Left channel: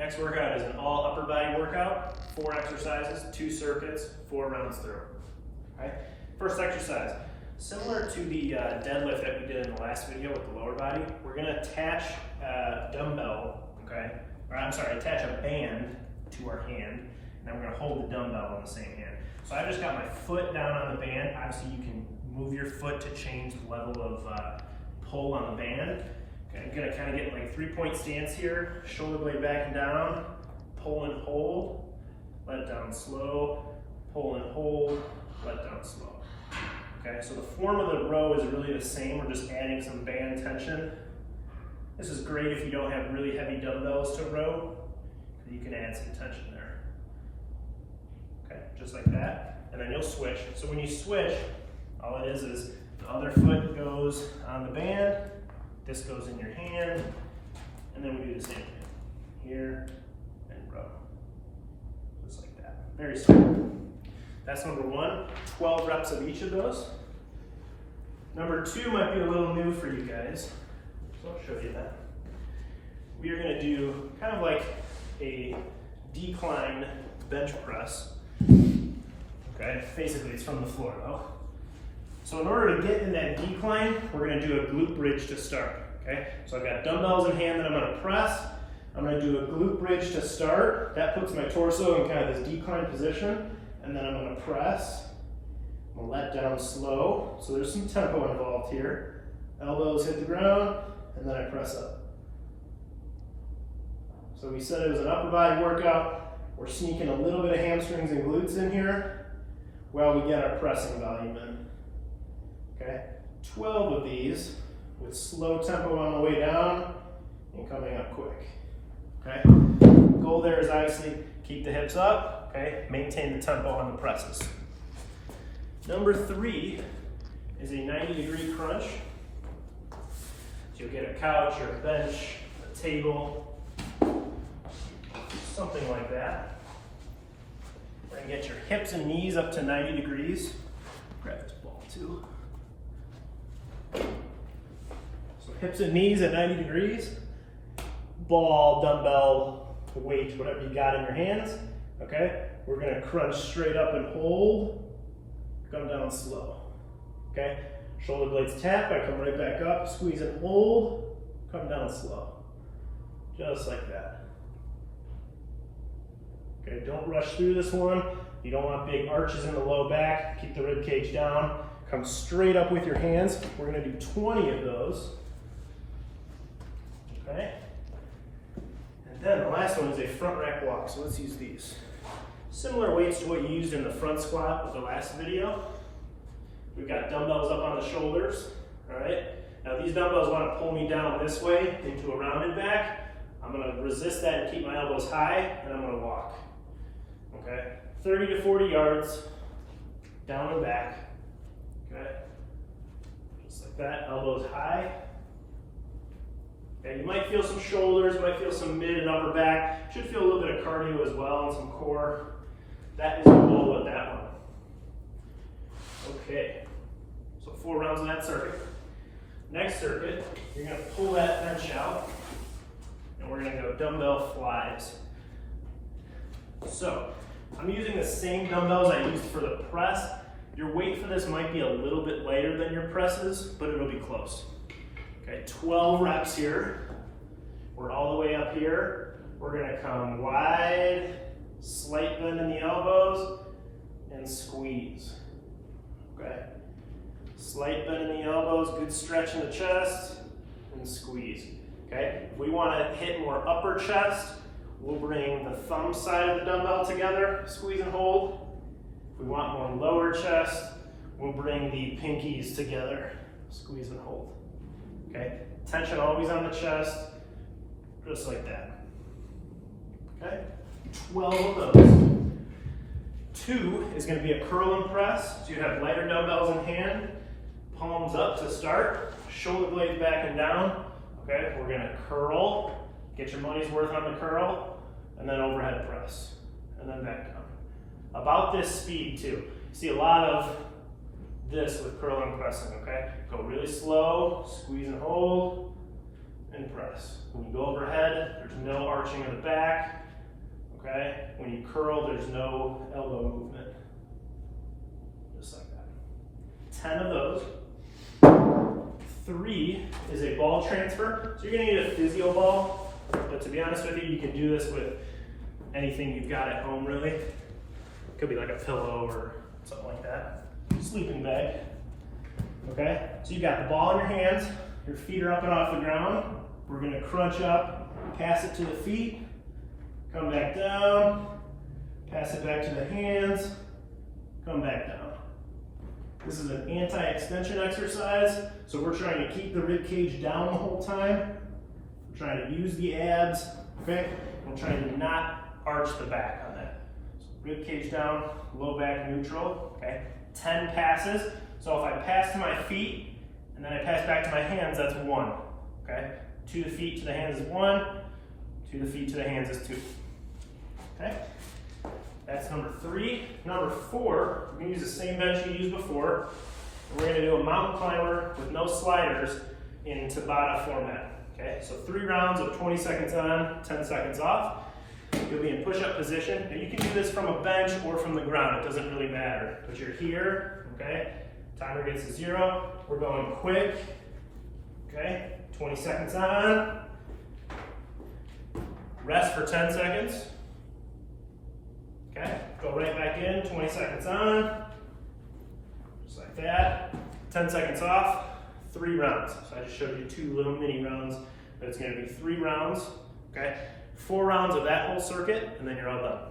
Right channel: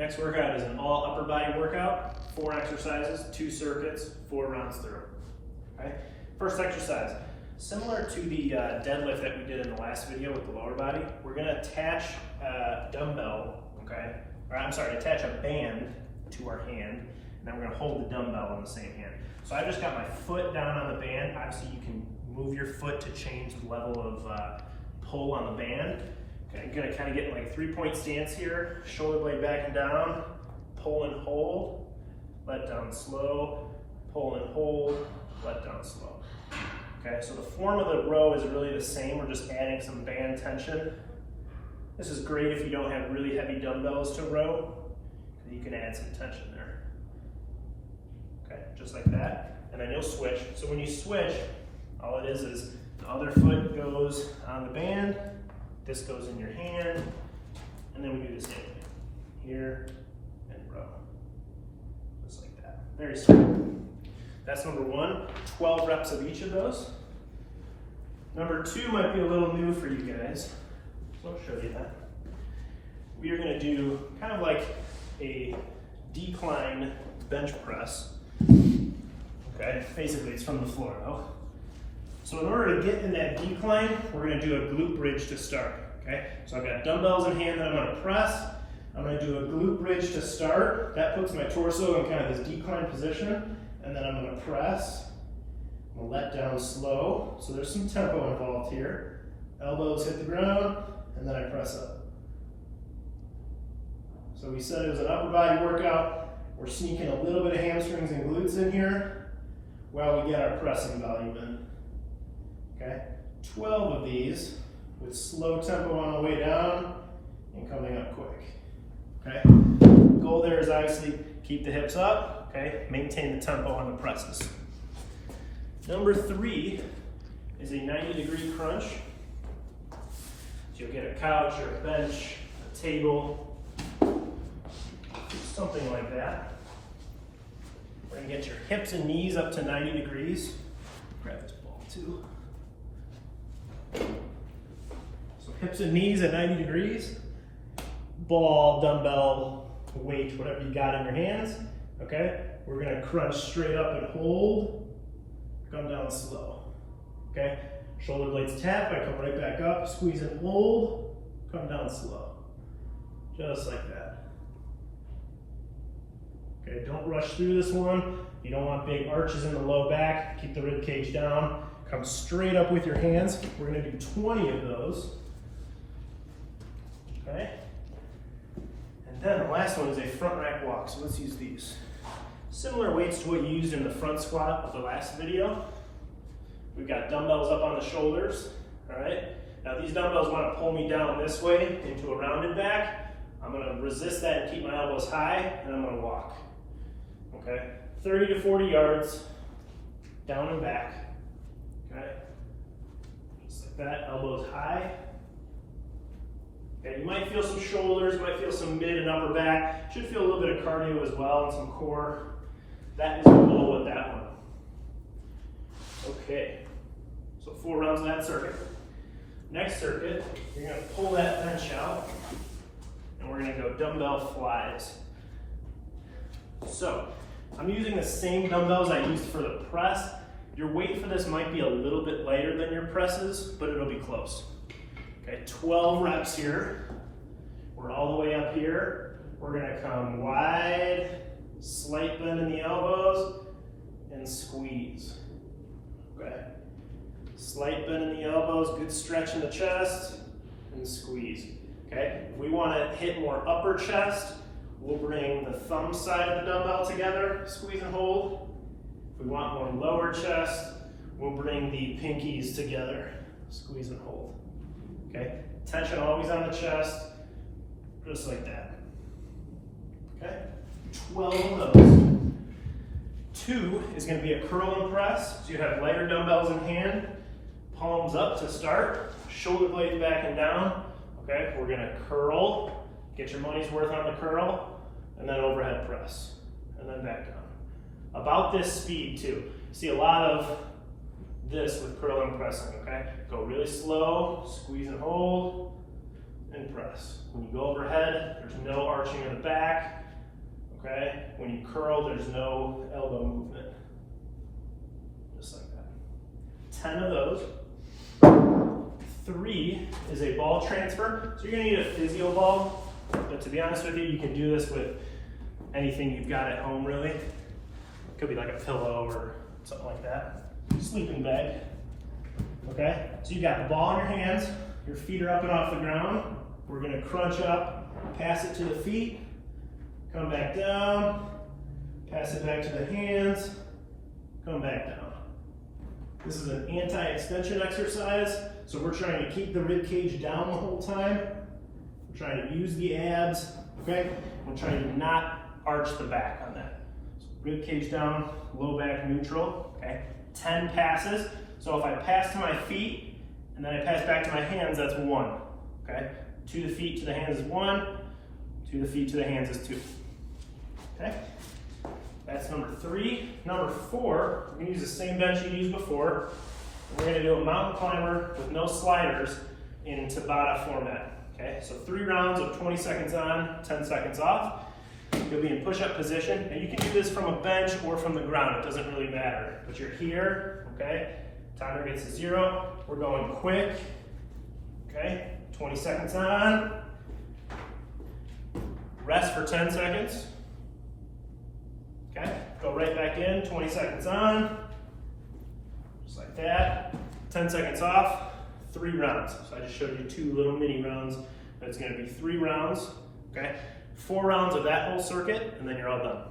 Next workout is an all upper body workout, 4 exercises, 2 circuits, 4 rounds through. Okay? First exercise, similar to the deadlift that we did in the last video with the lower body, we're gonna attach a dumbbell, okay? Or I'm sorry, attach a band to our hand, and then we're gonna hold the dumbbell in the same hand. So I just got my foot down on the band. Obviously you can move your foot to change the level of pull on the band. Okay, I'm gonna kind of get in like a 3-point stance here, shoulder blade back and down, pull and hold, let down slow, pull and hold, let down slow. Okay, so the form of the row is really the same. We're just adding some band tension. This is great if you don't have really heavy dumbbells to row, because you can add some tension there. Okay, just like that. And then you'll switch. So when you switch, all it is the other foot goes on the band, this goes in your hand, and then we do the same thing. Here and row. Just like that. Very simple. That's number 1, 12 reps of each of those. Number 2 might be a little new for you guys, so I'll show you that. We are gonna do kind of like a decline bench press. Okay, basically it's from the floor though. So in order to get in that decline, we're gonna do a glute bridge to start, okay? So I've got dumbbells in hand that I'm gonna press. I'm gonna do a glute bridge to start. That puts my torso in kind of this decline position, and then I'm gonna press. I'm gonna let down slow. So there's some tempo involved here. Elbows hit the ground, and then I press up. So we said it was an upper body workout. We're sneaking a little bit of hamstrings and glutes in here while we get our pressing volume in. Okay, 12 of these with slow tempo on the way down and coming up quick. Okay, goal there is obviously keep the hips up, okay, maintain the tempo on the presses. Number 3 is a 90-degree crunch. So you'll get a couch or a bench, a table, something like that. We're gonna get your hips and knees up to 90 degrees. Grab this ball too. So hips and knees at 90 degrees. Ball, dumbbell, weight, whatever you got in your hands. Okay? We're gonna crunch straight up and hold. Come down slow. Okay? Shoulder blades tap, I come right back up, squeeze and hold, come down slow. Just like that. Okay, don't rush through this one. You don't want big arches in the low back. Keep the rib cage down. Come straight up with your hands. We're gonna do 20 of those. Okay? And then the last one is a front rack walk. So let's use these. Similar weights to what you used in the front squat with the last video. We've got dumbbells up on the shoulders. All right? Now these dumbbells wanna pull me down this way into a rounded back. I'm gonna resist that and keep my elbows high, and I'm gonna walk. Okay? 30 to 40 yards, down and back. Okay? Just like that, elbows high. Okay, you might feel some shoulders, you might feel some mid and upper back. Should feel a little bit of cardio as well and some core. That is the goal with that one. Okay, so 4 rounds of that circuit. Next circuit, you're gonna pull that bench out, and we're gonna go dumbbell flies. So, I'm using the same dumbbells I used for the press. Your weight for this might be a little bit lighter than your presses, but it'll be close. Okay, 12 reps here. We're all the way up here. We're gonna come wide, slight bend in the elbows, and squeeze. Okay, slight bend in the elbows, good stretch in the chest, and squeeze. Okay, if we wanna hit more upper chest, we'll bring the thumb side of the dumbbell together, squeeze and hold. If we want more lower chest, we'll bring the pinkies together, squeeze and hold. Okay, tension always on the chest, just like that. Okay, 12 of those. 2 is gonna be a curl and press. So you have lighter dumbbells in hand, palms up to start, shoulder blades back and down. Okay, we're gonna curl, get your money's worth on the curl, and then overhead press, and then back down. About this speed too. See a lot of this with curl and pressing, okay? Go really slow, squeeze and hold, and press. When you go overhead, there's no arching of the back, okay? When you curl, there's no elbow movement. Just like that. 10 of those. 3 is a ball transfer. So you're gonna need a Physio ball, but to be honest with you, you can do this with anything you've got at home, really. It could be like a pillow or something like that. Sleeping bag, okay? So you got the ball in your hands, your feet are up and off the ground. We're gonna crunch up, pass it to the feet, come back down, pass it back to the hands, come back down. This is an anti-extension exercise, so we're trying to keep the rib cage down the whole time. We're trying to use the abs, okay? We're trying to not arch the back on that. So rib cage down, low back neutral, okay? 10 passes. So if I pass to my feet and then I pass back to my hands, that's 1, okay? To the feet, to the hands is 1. To the feet, to the hands is 2, okay? That's number 3. Number 4, we're gonna use the same bench you used before. We're gonna do a mountain climber with no sliders in Tabata format, okay? So 3 rounds of 20 seconds on, 10 seconds off. You'll be in push-up position. And you can do this from a bench or from the ground, it doesn't really matter. But you're here, okay? Timer gets to 0. We're going quick, okay? 20 seconds on. Rest for 10 seconds. Okay, go right back in, 20 seconds on, just like that. 10 seconds off, 3 rounds. So I just showed you 2 little mini rounds, but it's gonna be 3 rounds, okay? 4 rounds of that whole circuit, and then you're all done.